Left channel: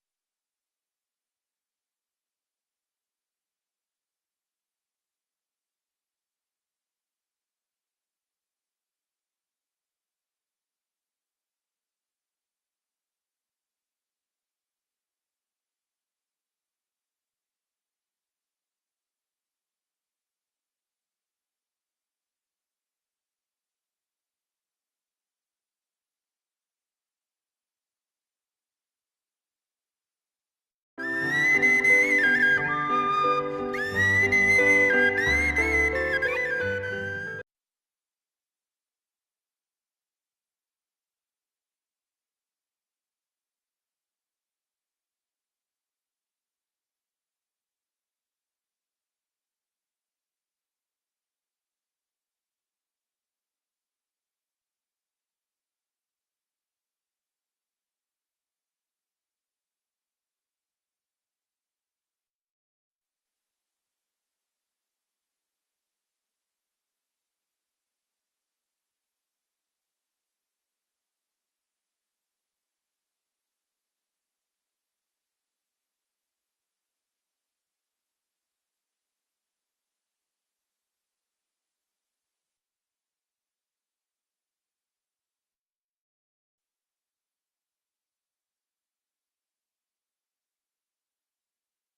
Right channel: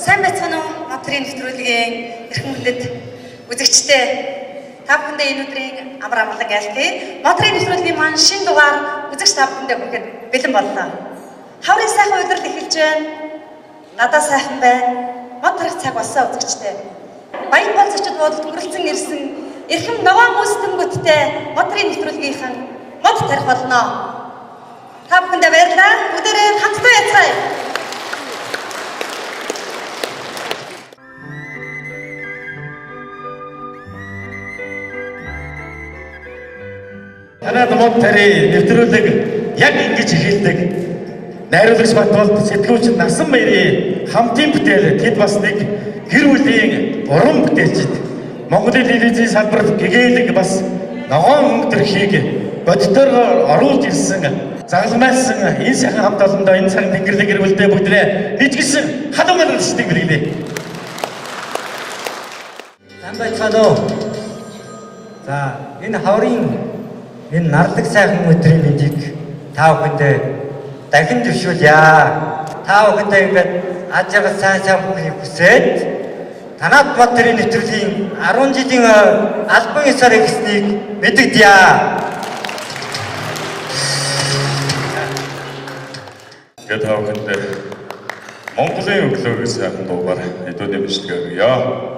Сайн байцгаана уу? Мотрийн нэвтрүүлгийн эрхэм хүндэт үзэгчдээ та бүхэндээ энэ өдрийн амар амгалан айлтгая. Мотрийн нэвтрүүлгийн маань шинэ дугаар үзэгч та бүхэндээ хүрэхэд бэлэн боллоо. Хаврын сайхан удирдал эхэлж байна. Надад сайхан байна. Мод тарих цаг болсон үзэгчдээ. Баян бол зочид буудалд хүрэлцэн ирсэн эрхэм ногоон мөсдөнгөттэй Мотрийн нэвтрүүлгийнхэн мод тарих болно. Та бүхэндээ баярлалаа. Бүгдээрээ хамтдаа яцгаая. Танад мод тарih нэвтрүүлэг яг ингэж эхэлдэг. Найруулагч Батболд сэтгүүлч Насан Баярын хамтын бүтээл тэд бас нэг гэр бүлийн уран бүтээлчд Монголын телевизийн салбарт гэгээлэг бас ногоон өнгөтрхийг бодитоор оруулж ирсэн загламайлсан энэ сайхан хамт олондоо энэ цаг тэнгэрлэг гэр бүлдээ бүгдээ нэгжсэн халуун гаргалцдаг билээ. Сайн байцгаана уу? За энэ хаврын энэ нардаг сайхан өдрийн мэндийг та бүхэндээ дахин зөвшөөрье. Та бүхэндээ ингээд аж аргал сайн бүхнийг хүсээд танад Мотрийн нэвтрүүлгийн 10 жилийн албан ёсоор эхэлснийг мэдэгдэе. Тэгээд та бүхэндээ Монголын өглөөгийн сайхан дуугаар хэдүүний бичлэг өгье.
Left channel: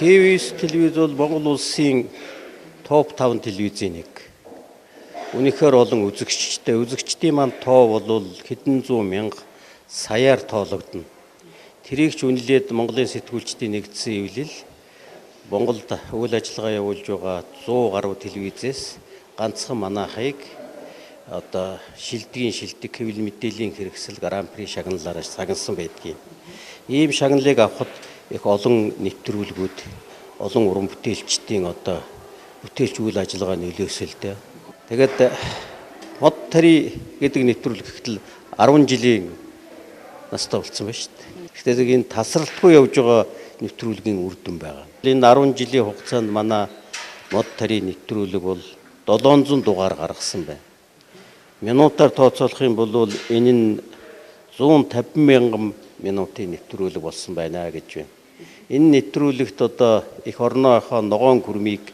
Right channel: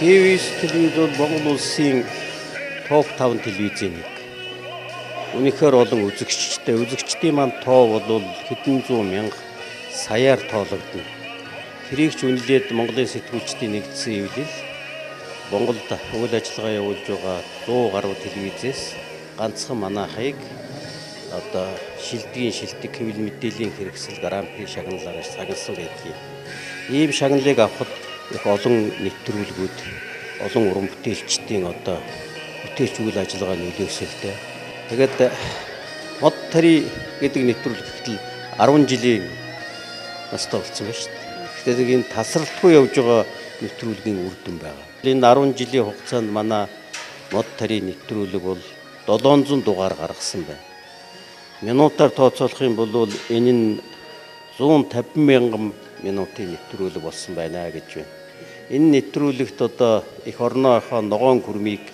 ТВ-с телевиз бол Монгол улсын топ 5 телевизийн нэг. Үнэхээр олон үзэгчтэй. Үзэгчдийн маань тоо бол хэдэн зуун мянга саяар тоологдно. Тэрийг ч үнэлээд Монголын сэтгүүлчдийн нэгдсэн эвлэл Монголд үйл ажиллагаа явуулж байгаа 100 гаруй телевизээс ганцхан манайхыг одоо шилдэг хэвлэл мэдээллийн хэрэгсэл Гран-при шагналаараа сагнасан байдгийг. Ийм шагналыг авахд их олон нэвтрүүлгүүд, олон уран бүтээлчдийн одоо бүтээлч үйл ажиллагаа нөлөөсөлтэй. Тэгээд мод тарih гэдэг нэвтрүүлэг гэтэл 10 жилийн настай болсон байна шүү дээ. Тэгэхээр энэ тасралтгүй явж байгаа нэвтрүүлгийн үр дүн байгаа. Энэ 10 жилийн хугацаанд манай мод тарih нэвтрүүлэг бол 700 дугаар гаргасан байна. Минутаар тооцоолох юм бол энэ нь 150 мянган минутын нэвтрүүлэг болсон байна гэж байна. Энэ нэвтрүүлэгт одоо их орныхоо ногоон гүрмийг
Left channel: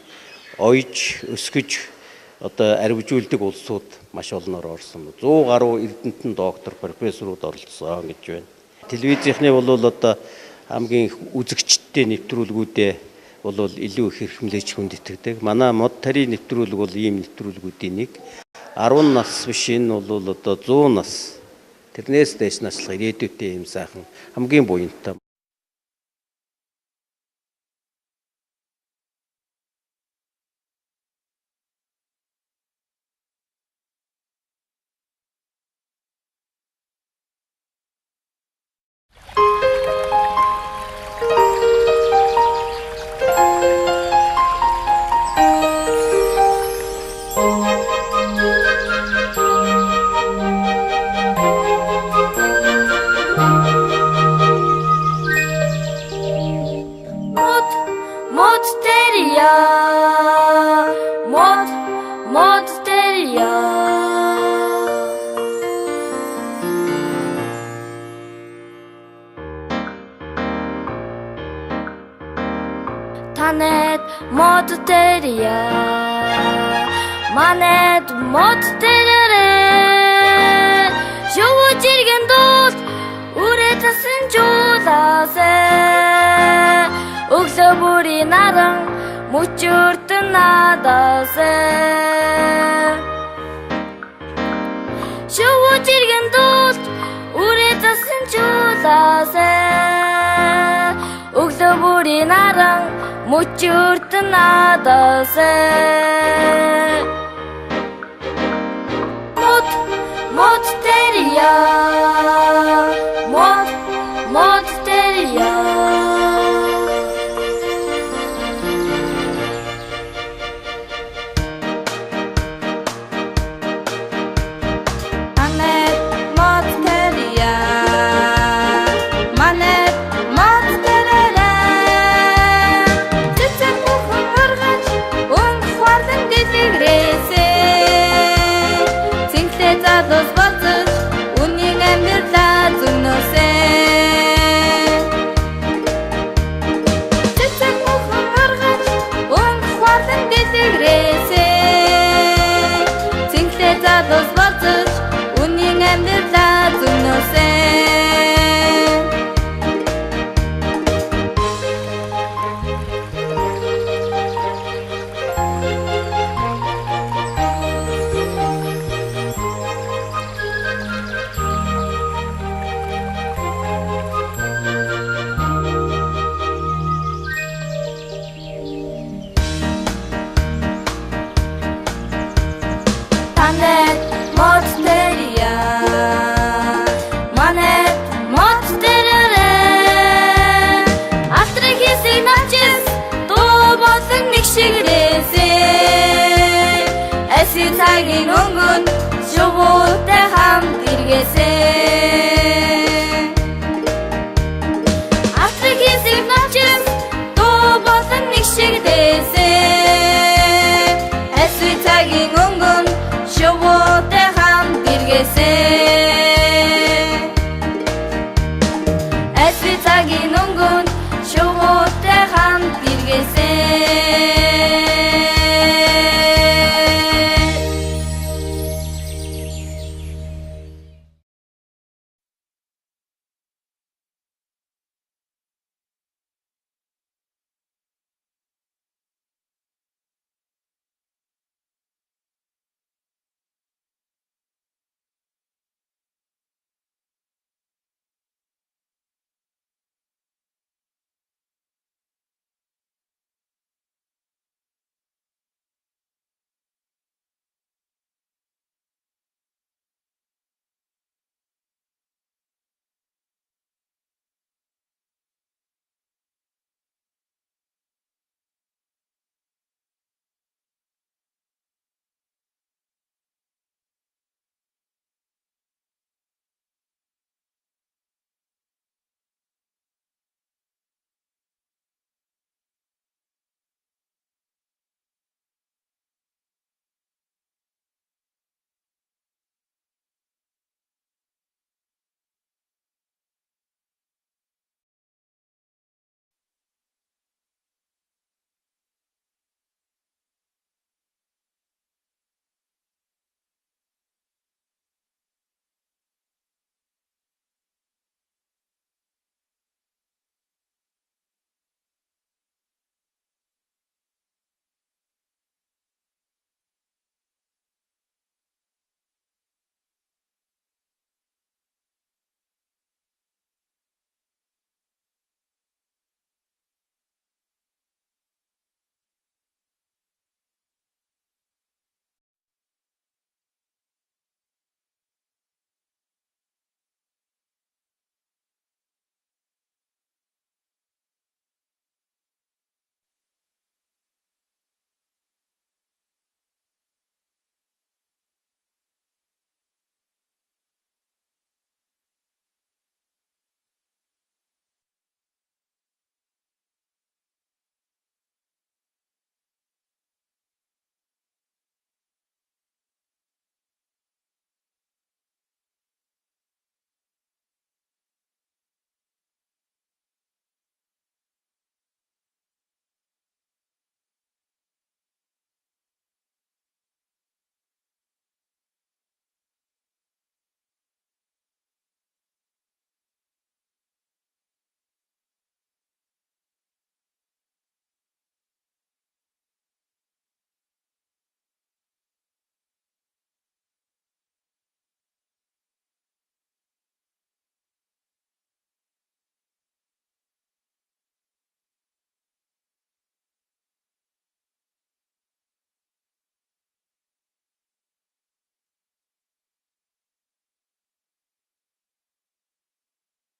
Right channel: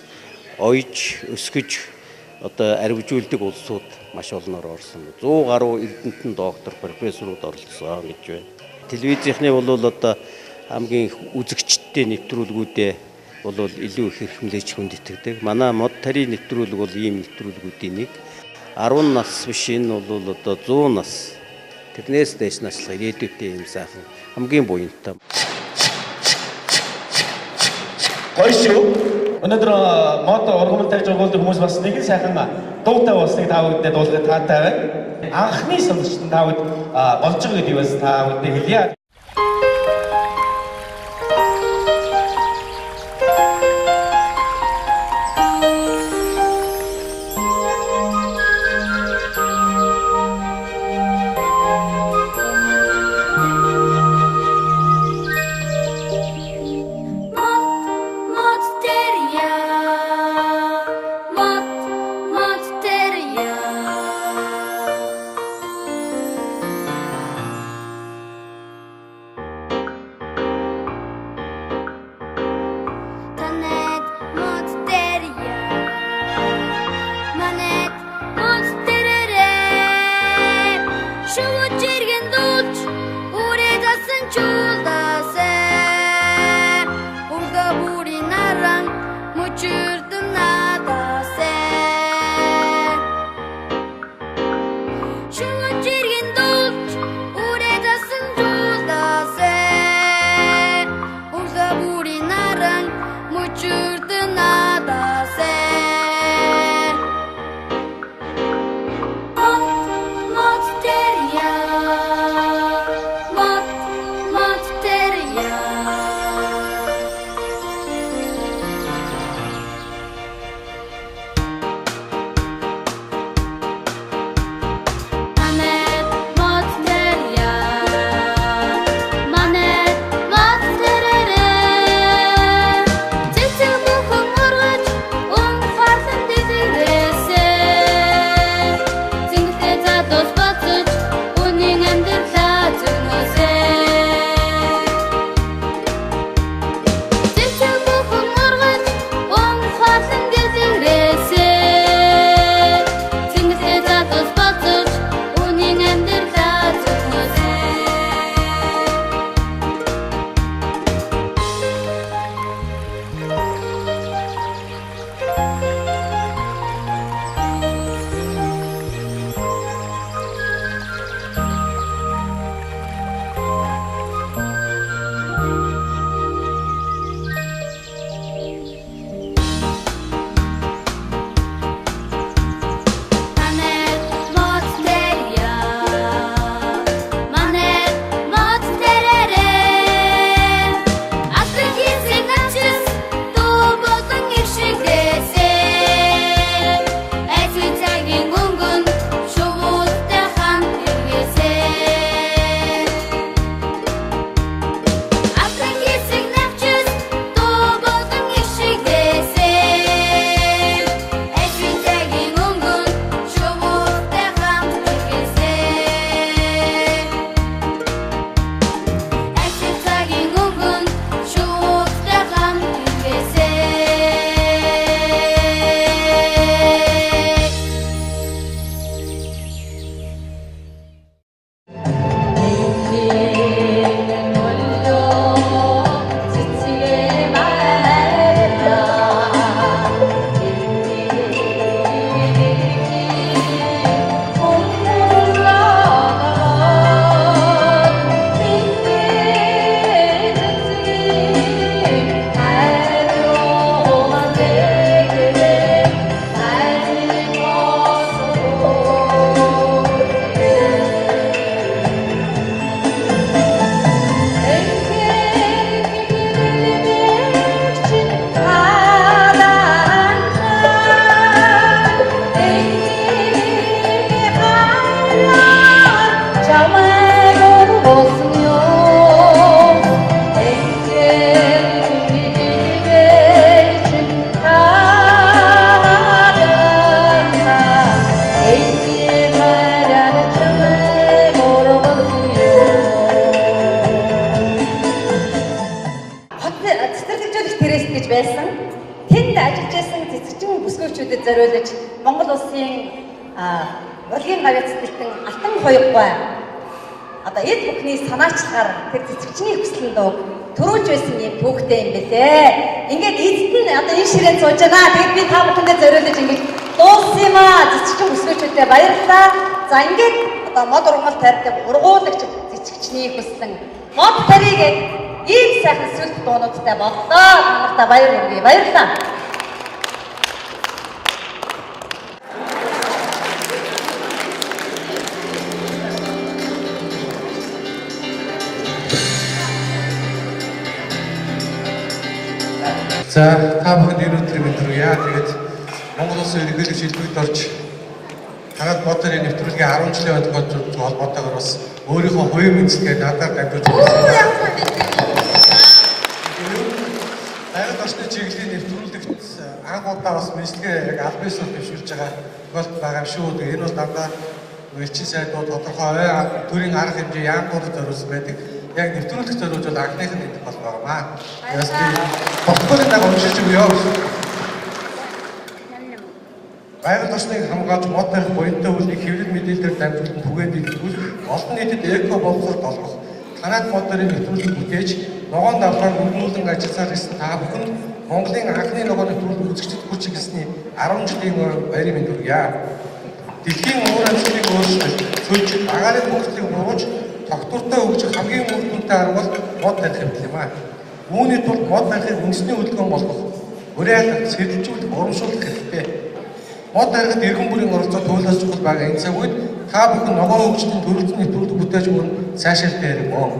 ойж өсгөж одоо арвижуулдаг улсууд маш олноор орсон. 100 гаруй эрдэмтэн доктор профессорууд оролцсон гэж байна. Телевизийнхний бол одоо хамгийн үзэгчтэй нэвтрүүлгүүдээ бол илүү их эрхэмлэж хүндэтгдэг. Манай мод тарийн нэвтрүүлэг бол ийм нэвтрүүлгүүдийн нэг. 10 нас биш энэ бол одоо 100 нас. Тэрнээс дэш наслах ирээдүйтэй юм сайхан хамгийн буянтай. Гоё шүү. Өнөөдөр мод ургамал тарьж өгүүлдэг хүмүүс бас нэгэн сайхан дуутай болсныг та бүхэнд дуулахад таатай байна. Анхны сонсогчдод та бүхэнд болж байгаа гэдгийг бас та бүхэнд хэлье. Танет мод терия, манет мод терере. Шувучиген дос, уретасын чудасе. Уксабури наран, мучуртын надасе. Шувучиген дос, уретасын чудасе. Уксабури наран, мучуртын надасе. Мод терия, мод терия. бүсгүйчүүдэд зориулж Монгол улсын урлагийн гавьяц дэлтэн алтан хоёргой одоо эд бүхний санаачлагаар тэр цэцэгчний хүслийн дууг төрүүлж байсан юм түүхтэй юм бэлээ. Ингээд эзэн одоо энэ ширээнд сууж байгаа. Тэгэд би та бүхэндээ зориулж ингээд дууссан юм аа. Зэцэгчин өсгөөчүүдэд баярлалаа. За ингээд одоо мод ургамал тарьдаг ургуулагч зэцэгчний хүссэн мод тарийг ийм сайхан сүлт дуунуудтай боллоо. Танартай баяр хүргэе. Баярлалаа. За та бүхэнд өнөөдөр мэдрэгье. Тэгээд Монгол Улсын ерөнхийлөгч шилбэгт орж танад бодорын нэвтрүүлгийн 10 жилийн тохиолдол холбоотойгоор бас өөрийнхөө хувийн мэдээлэлээ надад дамжуулж байна. Байгаль орчны чиглэлийн нэвтрүүлэгт анх удаа бас мэдлэгээ яг аль биесээр дэвшүүлж байгаа тохиолдол байгаа юм шүү. Энэ бол дандаа элчин сайдууд тодорхой төрийн арга хэмжээ яамдуудад зориулсан байдаг. Яг нэвтрүүлэх зориулж бол анхных нь идэх бол байгаамаа. Яс би протоколыг даг уншиж өгье. Байгаль орчныг хамгаалж мод тарих буянтай үйлийг хэвлэл мэдээлэлээр дамжуулан түгээн дэлгэрүүлэх, олон нийтэд эко боловсролд олгох, танаад мод тарихын нэвтрүүлэг бүтээж, ногоон давхраар өргөнүүлэн ажилласаар ирсэн та бүхэнд Монголын анхны ногоон нэвтрүүлэг үзэгчдэд хүрч ирсний 10 жилийн баярын мэнд хүргье. Дэлхийн уур амьсгалыг өөрчлөлт, цөлж, агаарын хөгжлийг бууж, тогтвортой хөгжих хамгийн үр дүнтэй арга бол мод тарих юм аа. Үүний тулд мод тарихыг үндэсний хөдөлгөөн болгох, уриалгах, сэргэлжүүлэх, урамшуулах хэрэгтэй. Мод тарихад иргэн бүрийн оролцоо туйлаас чухал байгаа энэ цаг үед та бүхэн ногоон хөгжлийн төрөлцөн нэвтрүүлэг бүтээж өгөн сайшаалтай юм уу?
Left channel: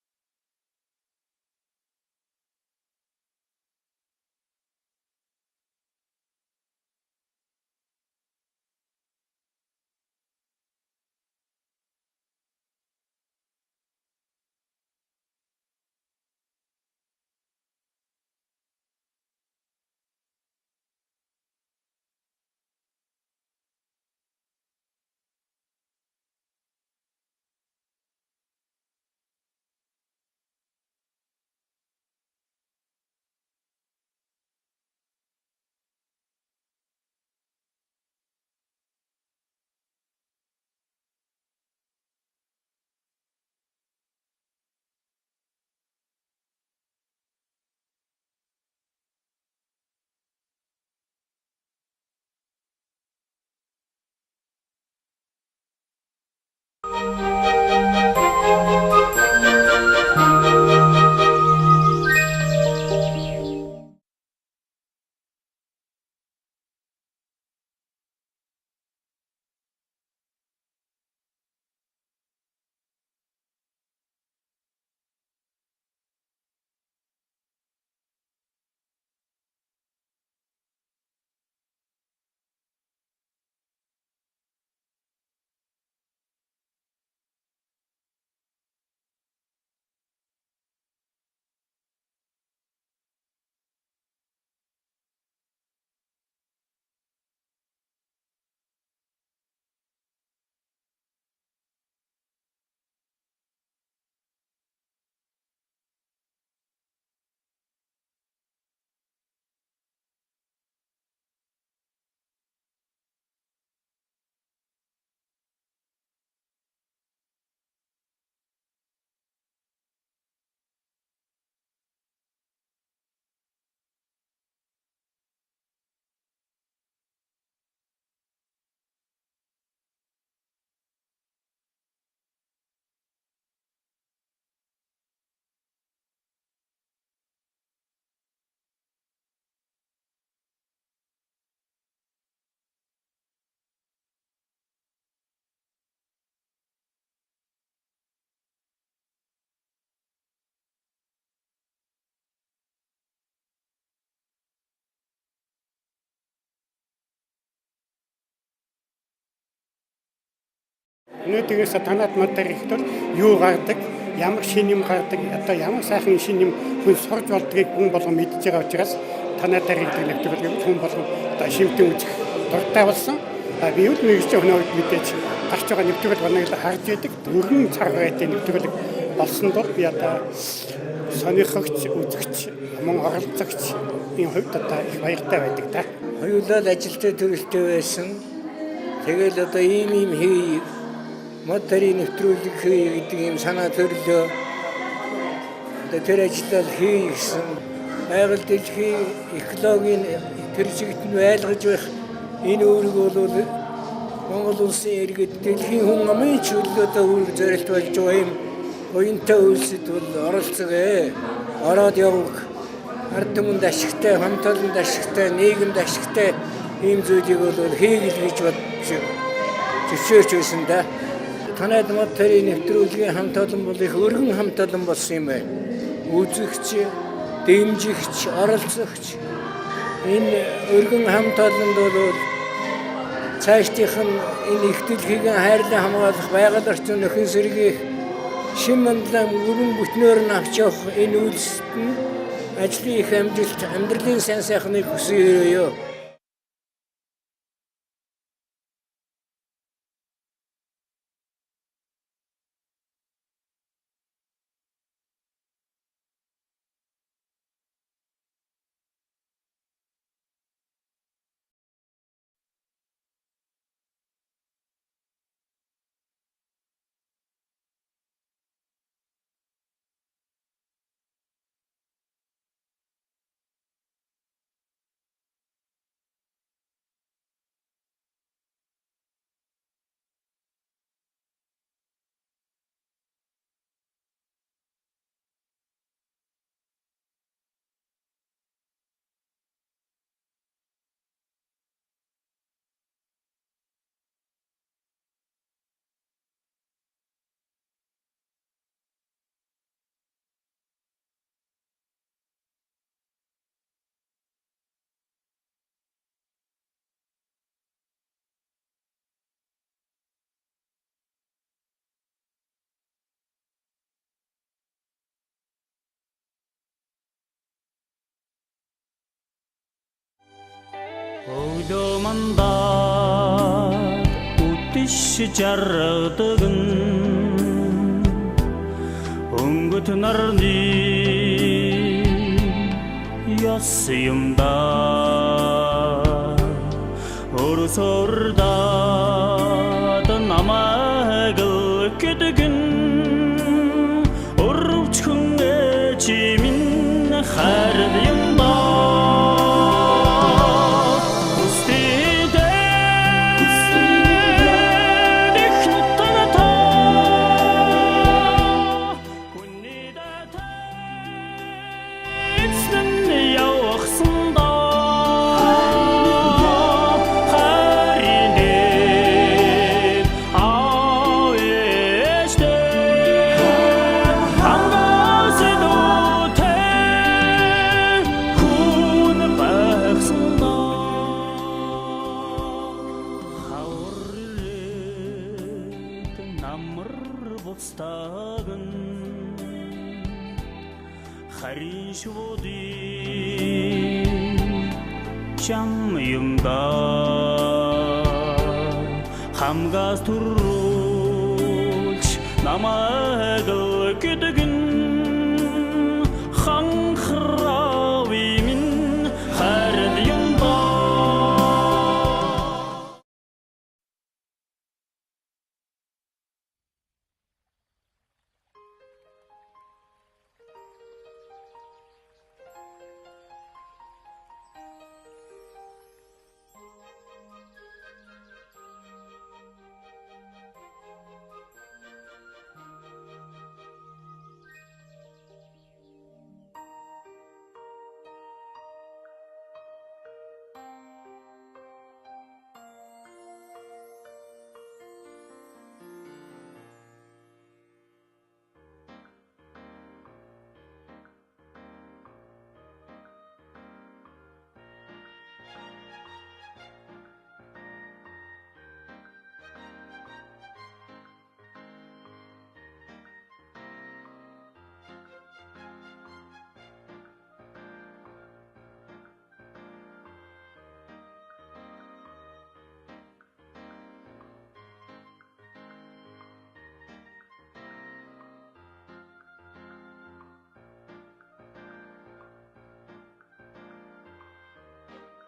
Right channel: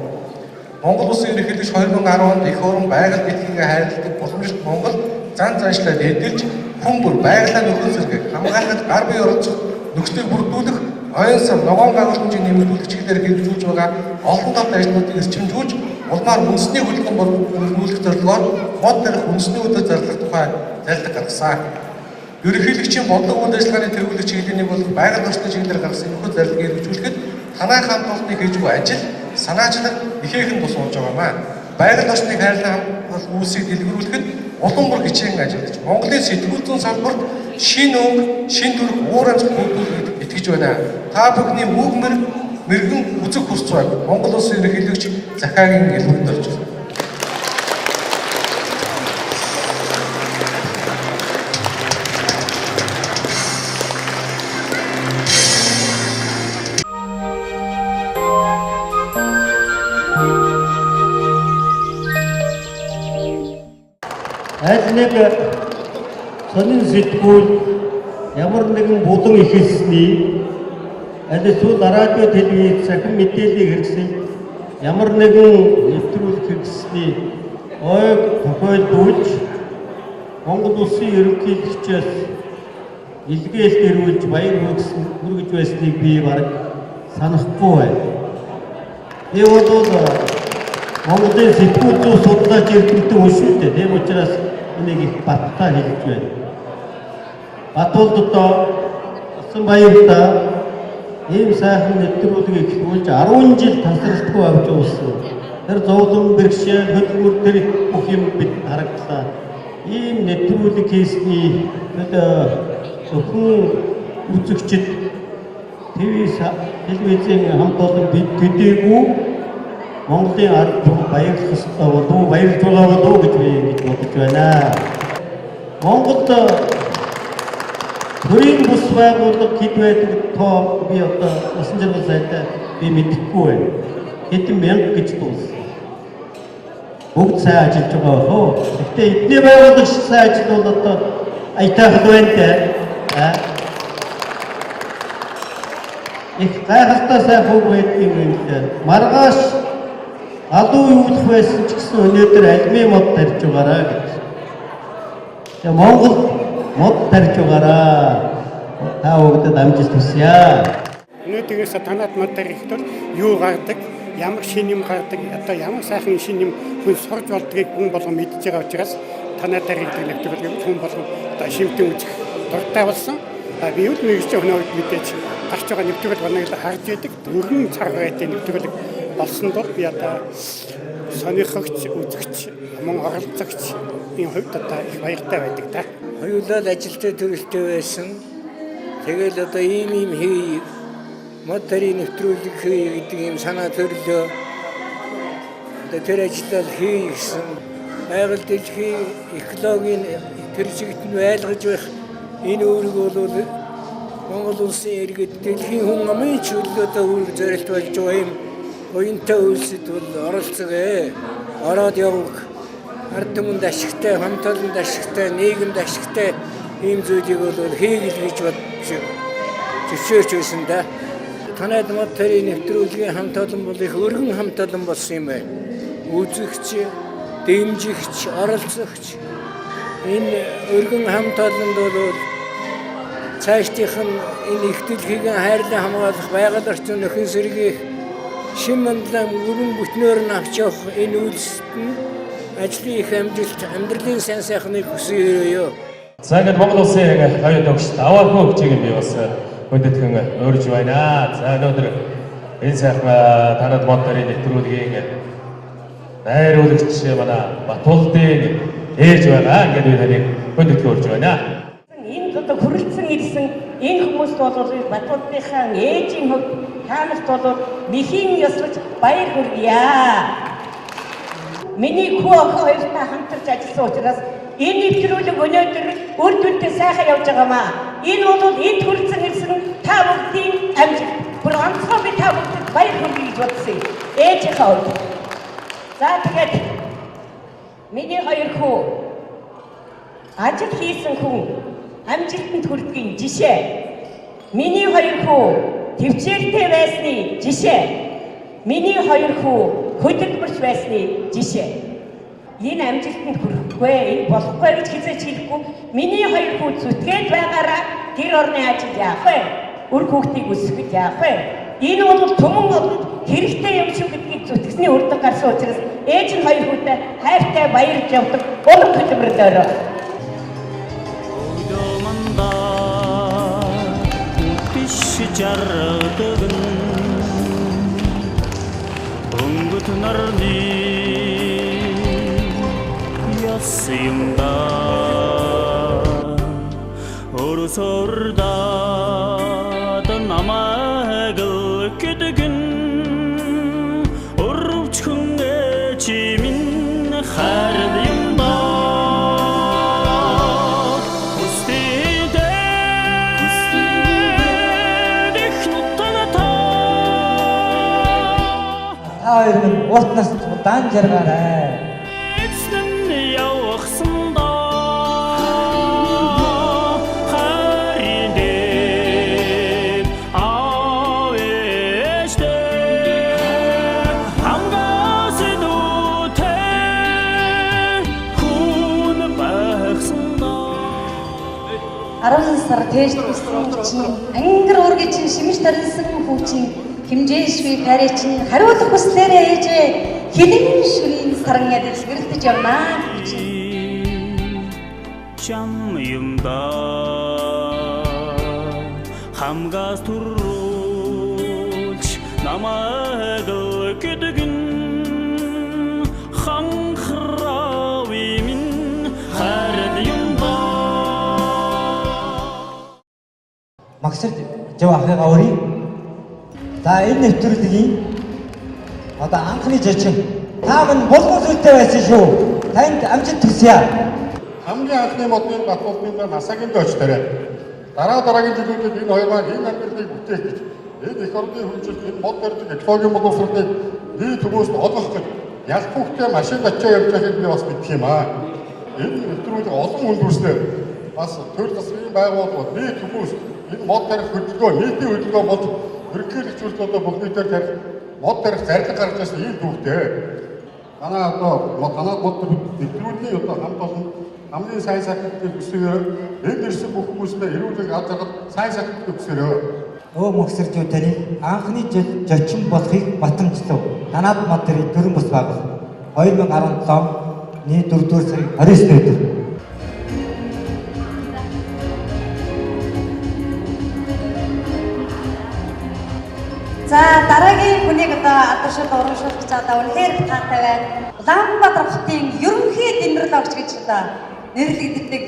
Монгол Улсын ерөнхийлөгч 2010 онд их орон байгаль дэлхийгээ хайрладаг боломжит Монгол зан заншлаад эдэлж хүн бүр байгалаа нөхөн сэргээх, хамгаалахад гар бие оролцох, нөхцөлийг бүрдүүлэх, оюун сан ногоон байгууламжийг нэмэгдүүлэх чиглэлээр хэрэгжүүлж байгаа олон талт ажлуудыг эрчимжүүлж, улмаар үндэсний хөдөлгөөн бүрдүүлэх зорилгоор мод тарих үндэсний өдөр зарлах тухай зайлшгүй гаргасан. Ерөнхийлөгчийн бодлого үйл ажиллагааны тэргүүлэх чиглэлийн бол байгаль орчны чиглэлээр гаргасан энэхүү зарилыг хэрэгжүүлэхэд танай хамт олонны хийж буй ажил, санаачлаг ихээхэн тус болж байгаамаа. Байгаль орчныг хайрлах үйлсийг дэлгэрүүлэхэд улам бүр хичээн ажиллаж, Монголын сэтгүүл зүйн салбарт шинэ өнгө, шинэ төрх уур амьсгал бүрдүүлэхэд итгэж байна. Та бүхний үг мэрэгэн үзэг хүсч байг Монгол Улсын ерөнхийлөгч Захаагийн илүүнд орж байна. Аль нэг сонин сэтгүүл ямар нэгэн булан ихэлсний аль эсвэл радио телевиз цахим мэдээллийг хэрэгсэл ямар нэгэн нэвтрүүлэг хэрэгсний ойг тохиолдуулж Монгол Улсын ерөнхийлөгчөөс илгээлт ирүүлж баяр хүргэж байсныг би бараг санахгүй байна. Би бол Монголын сэтгүүл зүйн судлаач эрдэмтэн хүн шүү дээ. Тийм учраас энийг их баттай хэлж байна. Батулдаа асан баяртай ийм сайхан нэвтрүүлгийг эхлүүлж 10 жил тасралтгүй авч явсан. Тэр зовлон бэрхшээл хөдөлмөр төр бүх юм бид харагдлаа. Ийм нэвтрүүлэг хийсний зөвхөн үзэгчд телевизийн хамт олон бид төдийгүй Монголын ард түмэн баярлах ёстой болов баярлж байгаа болов гэж би ингэж бодож байна. Монголд төрийн бус байгууллага хэд байдаг тоо би одоо насан турш сайтай би мэдэхгүй байна. Хэдэн мянга гэж дууссан. Бүгд сайн ажиллаж байгаа хөө. Гэхдээ эдний байгууллага шиг сайн ажил бол одоо аятайхан байна дээ. Их гайхалтай сайн хөг байдгийг юм. Маргааш алуу үүлэх байсан ч гэсэн өнөөдөр алимын мод тарьж байгаараа гэж. Тэгээ Монгол мод тарьж байгаараа. Та бүгдэд амжилт хүсье. Өнөөдрөөс танаад мод тарих тул юу гардаг, ямар шин юм гардаг, одоо ямар сайхан шин юм хүн сурж болдгийг хүн болгон мэдж байгаа учраас танаад тарих нэвтрүүлэг хүн болгон одоо шимтэн үзэх дуртай болсон. Би юу нэгж өнөөдөр мэдээж гарч байгаа нэвтрүүлэг банаг харж байдаг. Дөрвөн цаг байдлын нэвтрүүлэг болсон бол би одоо сонирхогч, үзэгч, мөн оролцогч энэ хувьд одоо их баяртай байдаг та. Хоёулаа ажилтай төрөлтэй байсан. Тэгэл одоо ийм хий мод тарихын нэвтрүүлэг хий гэдэг ийм санаа төрлөө. одоо тэр ажлыг хий гэсэн байгаль дэлхийн экологийн тэр чигт нь байлгаж байх энэ үүрэг бол Монгол улсын иргэд дэлхийн хүн амын чөлөөтэй үүрэг зорилт болж байгаа юм уянтай үйлсэд бол оролцгоо. Ороод явах ард түмэнд ашигтай, хамт олонд ашигтай, нийгэмд ашигтай ийм зүйлийг бол хийгэл гэж бодож зөвшөөрч байсан да. Танайд мод тэрийн нэвтрүүлгийн хамт олон бол их өргөн хамт олон болсон юм байна. Үзэгч, дэмжигч, оролцогч энэ өргөн хамт олонд бол цаашдынх нь энэ их дэлхийг хайрлан хамгаалах байгаль орчин нөхөн сэргийх шин мандлан өргөн бүтнөөр нь авч явах энэ үйлсэд нь ажлын их амжилт, амьдралын сайн сайхныг хүсье. За ингээд Монгол улсын оюун тогшд аваа хөгжийг би бас хүндэтгэн өөрж байна. За өнөөдөр энэ сайхан танад мод төрийн нэвтрүүлгийн найруулагч манай Батулдын ээж байгаа. Ингээд би таныг хүндэтгэн өөрж байна. Энэ одоо хүрэлцэн ирсэн энэ хүмүүст бол Батулдынхаа ээжийн хувьд таамагт бол мэхийн ёслож баяр хүргье. Миний хүү охин хоёртай хамтарч ажилласан учраас энэ нэвтрүүлэг өнөөдөр үр дүнтэй сайхан явж байгаамаа. Энэ бол энд хүрэлцэн ирсэн та бүхний амжилт. Бүр онцгой би та бүхэнд баяр хүргэе гэж бодсон. Ээжийнхээ хувьд. За тэгээд миний хоёр хүү ажил хийсэн хүн амжилтанд хүрдэгийн жишээ. Миний хоёр хүү төвчээртэй байсны жишээ. Миний хоёр хүү хөдөлмөрч байсны жишээ. Энэ амжилтанд хүрэхгүй, энэ болохгүй гэж хизээч хэлэхгүй. Миний хоёр хүү зүтгээд байгаараа тэр орны ажил яах вэ? Үр хүүхдийг өсгөхөд яах вэ? Энэ бол түмэн олонд хэрэгтэй юм шүү гэдгийг зүтгэсний үр дүн гарсан учраас ээж нь хоёр хүүтэй хайртай баярлж явдаг улам хөдөлмөрлөөрөө. Өдөөмөндө үтиш жаргадаг өнгөт нарны яс юмда өрсөрдө намайг гэдгэн өрөвчхөн чимин хард юмда Уутнаас удаан жаргаарай. Эцэн явахсандаа хайрын авэштэй хангаас дүүтэй хүн байхсандаа 10 сар тээж төссөн чинь ангар ургийн чинь шимж тарилсан хүн чинь хэмжээшгүй гарэ чинь хариулах хүслээрээ ээжээ хилэн шүрийн саран яд сэргэлдэж явнаа гэж чам юмда хамгаас турруулж намайг гэдгэн ханхрави минь хард юмда Магсар жав ахыгаа өрий. За энэ нэвтрүүлгийн одоо анхны жичин та минь болгон зүйлтэй байсан шүү. Танд амжилт хүсье. Хамгийн анхны модны Батулдын насагийн дочторой. Дараагийн жилүүдэд энэ хоёр маань энэ амьдралыг бүтээх гэж энэ их орны хүнжилт энэ мод барьдаг экологийн боловсролыг бие төгөөс олгох гэж ялх хүүхдээ машин ачаа явж байхыг би бас мэдх юм аа. Энэ нэвтрүүлэг олон хүнд хүрснэ. Бас төр засгийн байгууллагууд бие төгөөс энэ мод барих хөдөлгөөн нийтийн хөдөлгөөн бол ерөнхийлөгч одоо бүхний дээр тарих мод барих зарлиг гарч ирсэн ийм түүхтэй. Манай одоо танаад мод нэвтрүүлгийн одоо хамт олон хамгийн сайн сайхныг өсгөөр энд ирсэн бүх хүмүүстээ эрүүлэг аз жаргал сайн сайхныг өсгөөрөө. Өө мөхсөрчүүд таны анхны жил зочин болохыг батамжлав. Танаад мод төрийн төрөн бус байгуулах 2017 оны 4-р сарын 29-нд өдөр. За дараагийн хүнийг одоо алдаршил урамшуулж байгаа үнэхээр таатай байна. Улаанбаатар хотын ерөнхий дэмрэл огч гэж одоо нэрлэгддэг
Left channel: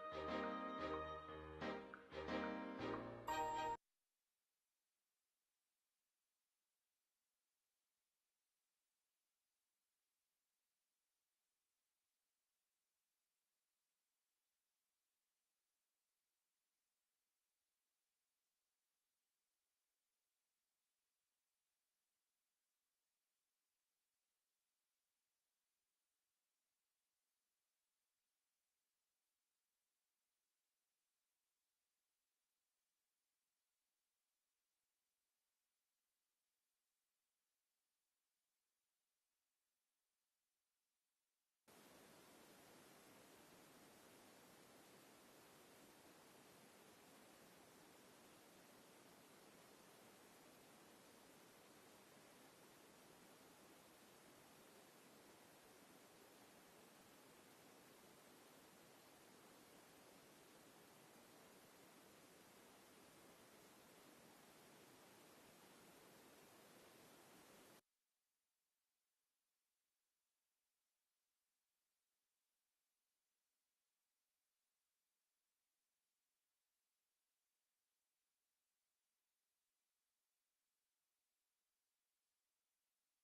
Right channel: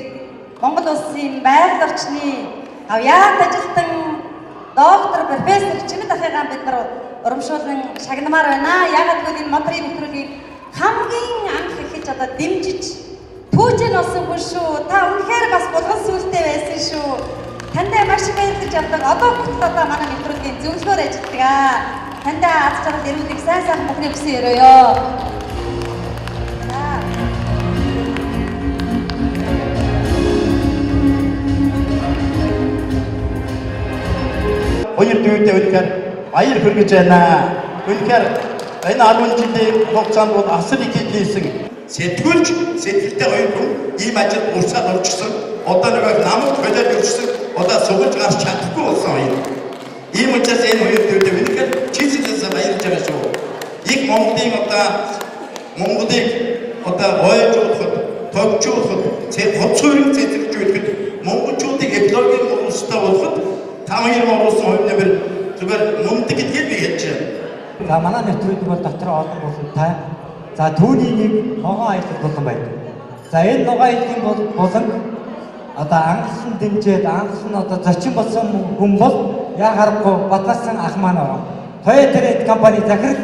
Монгол улсын байгаль орчны авьяат ажилтан доктор профессор Чимэд ахыгаа бид нар урамшуулан шагнамаар байна. Яагаад гэвэл энэ мод төрийн нэвтрүүлгийг хамгийн анх ихэж одоо дэмжиж түүжэн олсон хүн шүү. Та үнэхээр бас булган сүлтэй байсан шүү. Тандаа маш их баярлаж авдаг. Одоо бүгд одоо манай нэвтрүүлгийн зөвлөгөөр ажилладаг. Тандаа аз жаргал ирүүлэх сайн сайхан бүхний хүсэн өрөөё. Хоёр дүүтэй үнэхээр баяр хүргэж байна. Үнэхээр энэ 10 жилийн хугацаанд бол асар их хийсэн. Сэтгүүлч сэтгэлтэй хоёр хүн ийм ажил урсаад орчихсон. Одоо нэг намд болоод өрчсөн. Одоо сугалж гарч чадахгүй болсон хоёр. Ийм учраас энэ хоёр дүүтэй үнэхээр чийцээс баярлж байгаа шүү. Их Монголын Монголыг ойлгуулахад, төгжүүлэхэд, хоцрогын цэцэрлэгчүүд монголчуудыг экологийн боловсролтой болгоход тамгийн оруулсан хувь нэмэр зүгээр мундаг гэдгийг би хэлж байна. За манай нэвтрүүлэг бол дотор олон болонтай. За түүний нэг ногоон аялал болон байдаг. За энэ ногоон аяллын болон одоо анхсан дэмжээд анхсан одоо зочин болсон хүн бол яа харахгүй Батнасан ах маань ороо. Toyota Trade компани захирал